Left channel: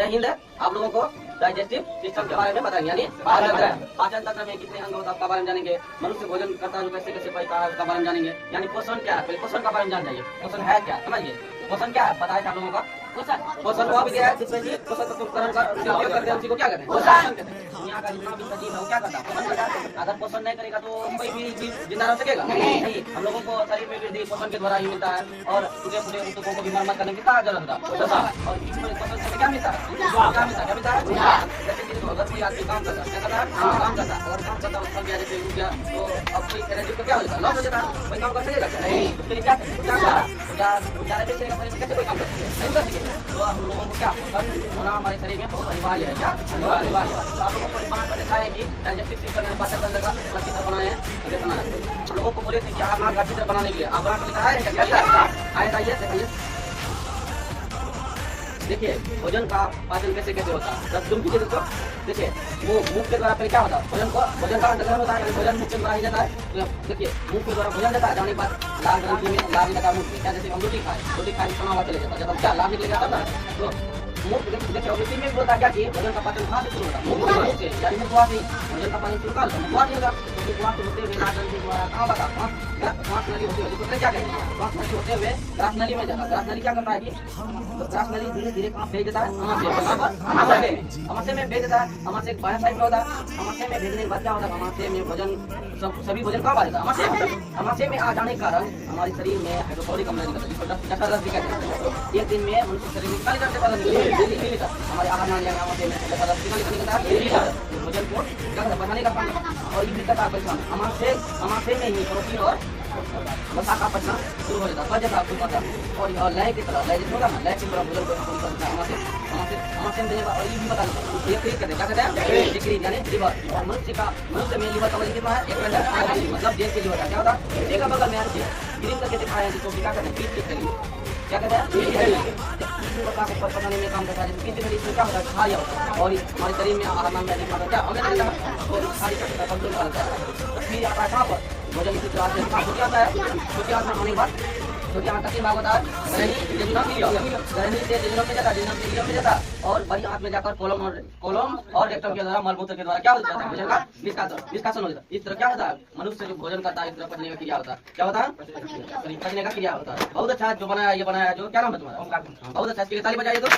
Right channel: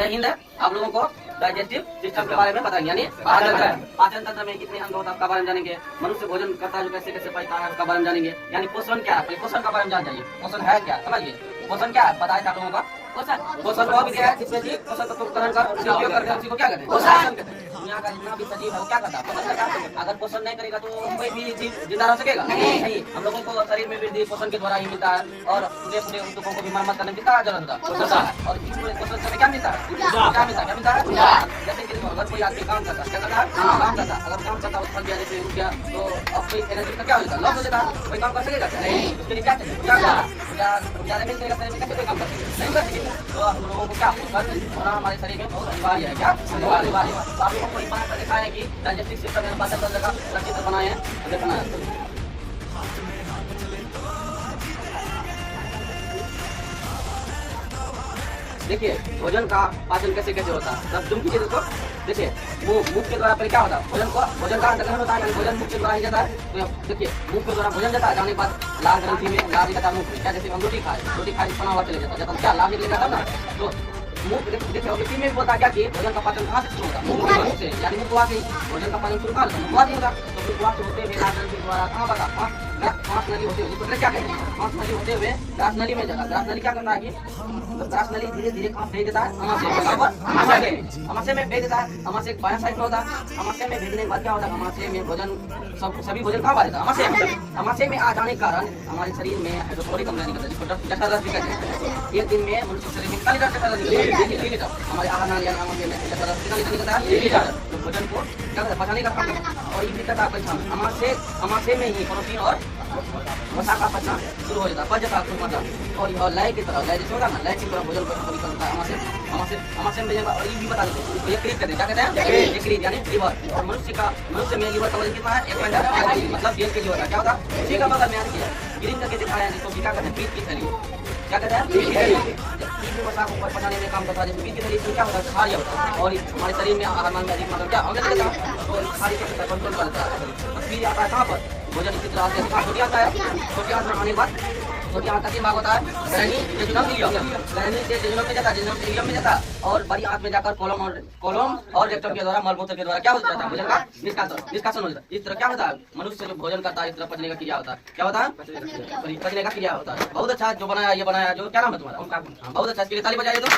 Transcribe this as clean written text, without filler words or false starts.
जय हिंद। आप लोगों को डाइजेस्टिव सिस्टम के बारे में बताएंगे, यानी पाचन तंत्र में कितने अंग होता है उसका बारे में जानेंगे। मनुष्य भोजन करता है जो कैसे कैसे पचता है उसका बारे में जानेंगे। यानी पोषण क्या है, पोषण का बारे में जान जाइए। पोषण है क्या, समझिए। पोषण क्या है बताए आप लोगों का। पोषण वो भी क्या है जिसमें जी पोषक तत्व ग्रहण कर उपयोग करते हैं उसी को क्या कहते हैं, पोषण कहते हैं। दुनिया का जितना भी सजीव है वो क्या करता है, पोषण करता है। अगर पोषण नहीं करेगा तो कोई भी जीव जिंदा रह सकेगा नहीं। हम लोगों को शरीर में वृद्धि पोषण के द्वारा ही मिलता है और पूरे पूरे ऊतकों को भी मरम्मत करने की क्या जरूरत है, पोषण। और इस पोषण से क्या मिलता है, क्या मिलता है। जैसे कि अगर कोई आदमी काम करता है, क्या करता है, काम करता है। अगर काम करता है थक गया, जैसे उठ गया तो अब कोई एनर्जी का क्या हो जाता है, लॉस हो जाता है। कोई काम कर सकेगा क्या, नहीं। उसके लिए क्या कैसे कोई काम कर सकेगा, नहीं कर सकेगा। तो हम लोगों को क्या पोषण होना हमारे शरीर में बहुत अनिवार्य है। क्या अनिवार्य है। तो आप लोगों को बना कर देखा है कि डाइजेस्टिव सिस्टम में पाचन तंत्र का चित्र बनाए हैं, हम लोगों को बोले थे आप का चित्र बनाने के लिए आप देखिए भोजन का पाचन कैसे कैसे होता है। बस तुम कीजिए देखो, देखिए वो मुख के द्वारा पहले क्या होता है, भोजन का अंतर्ग्रहण होता है, भोजन मुख के द्वारा ही जाता है। तो देखिए मुख के द्वारा भोजन जाता है, जाने के बाद लाल ग्रंथि में लाल निकलता है मुख में। क्या जैसे हम रोटी खाए खाना हुआ चले जाता है, जब हम क्या लाल निकले जाता है ना तो मुख देखिए इसी में भी बोलता है क्या कि भोजन का पाचन कहाँ से शुरू होता है, मुख से। यानी मुखवा से भोजन का पाचन शुरू कहाँ होता है, मुखवा से होगा। तो मुखवा से होते हुए लाल ग्रंथि द्वारा कहाँ बता पांच नली होते हुए, जिसको क्या कहते हैं, पांच नली होते हुए ग्रास नली में जाता है। ग्रास नली क्या करता है कि ग्रास नली धीरे धीरे कहाँ भेज देता है, अमाशय में भेज देता है। अमाशय बाया साइड में होता है। अमाशय में भेजने के बाद क्या होता है, अमाशय में भोजन सभी भोजन कहाँ आ जाता है, अमाशय में आ जाने के कारण हमारे शरीर में हाइड्रोक्लोरिक अम्ल निकलता है, जिसको जठररस भी कहते हैं। एक दिन में मनुष्य शरीर में कितना लीटर जठररस निकलता है, हमारे आहार नाली अमाशय में जठररस कितना लीटर निकलता है, 3 लीटर। जो भोजन को क्या करता है, पचाने का काम करता है। और ये भी करता है पहचान, अमाशय में ही प्रोटीन और वसा का पचना शुरू हो जाता है, पच जाता है। और यह लय की तरह, लय जैसे होता है ना, लय की तरह भोजन को निकलता है अमाशय में। और ये भी बता देते हैं यकृत कहते हैं, क्या कहते हैं, यकृत यानी लिवर। और मनुष्य में लिवर का वजन कितना है, 1 क्विंटल, मतलब 1.5 केजी होता है। क्या होता है, इसी का बगल में यार ग्रीन करके दिखाया है, जिसको क्या कहते हैं, पीत की थैली। क्या कहते हैं, पीत की थैली। वसा को पचाने में काम करता है। पीत की थैली इसमें क्या होता है, खारिया होता है। और हमारे शरीर में आहार में अधिक मात्रा क्या अम्ल रहता है, तो खारी का कंट्रोल करता है। फिर आता है कहाँ पर, भोजन इसी तरह से छोटी आता है। छोटी आंत में आने के बाद छोटी आंत का 3 भाग होता है, ग्रहणी, जेजुनम, इलियम। ग्रहणी से जेजुनम में जाता है, जेजुनम से इलियम में जाता है। और बड़ी आंत में जाकर कोलम और रेक्टम के द्वारा मलमूत्र के द्वारा क्या हो जाता है, भोजन का निष्कासन हो जाता है। इस तरह क्या होता है, मनुष्य जो भोजन करता है इस तरह पचने का क्रिया होता है। क्या होता है, पचने का क्रिया होता है। बहुत अच्छा जो बनाया, ये बनाया जो क्या नाम है तुम्हारा, बहुत अच्छा, इसके लिए ताली बजाइए तो।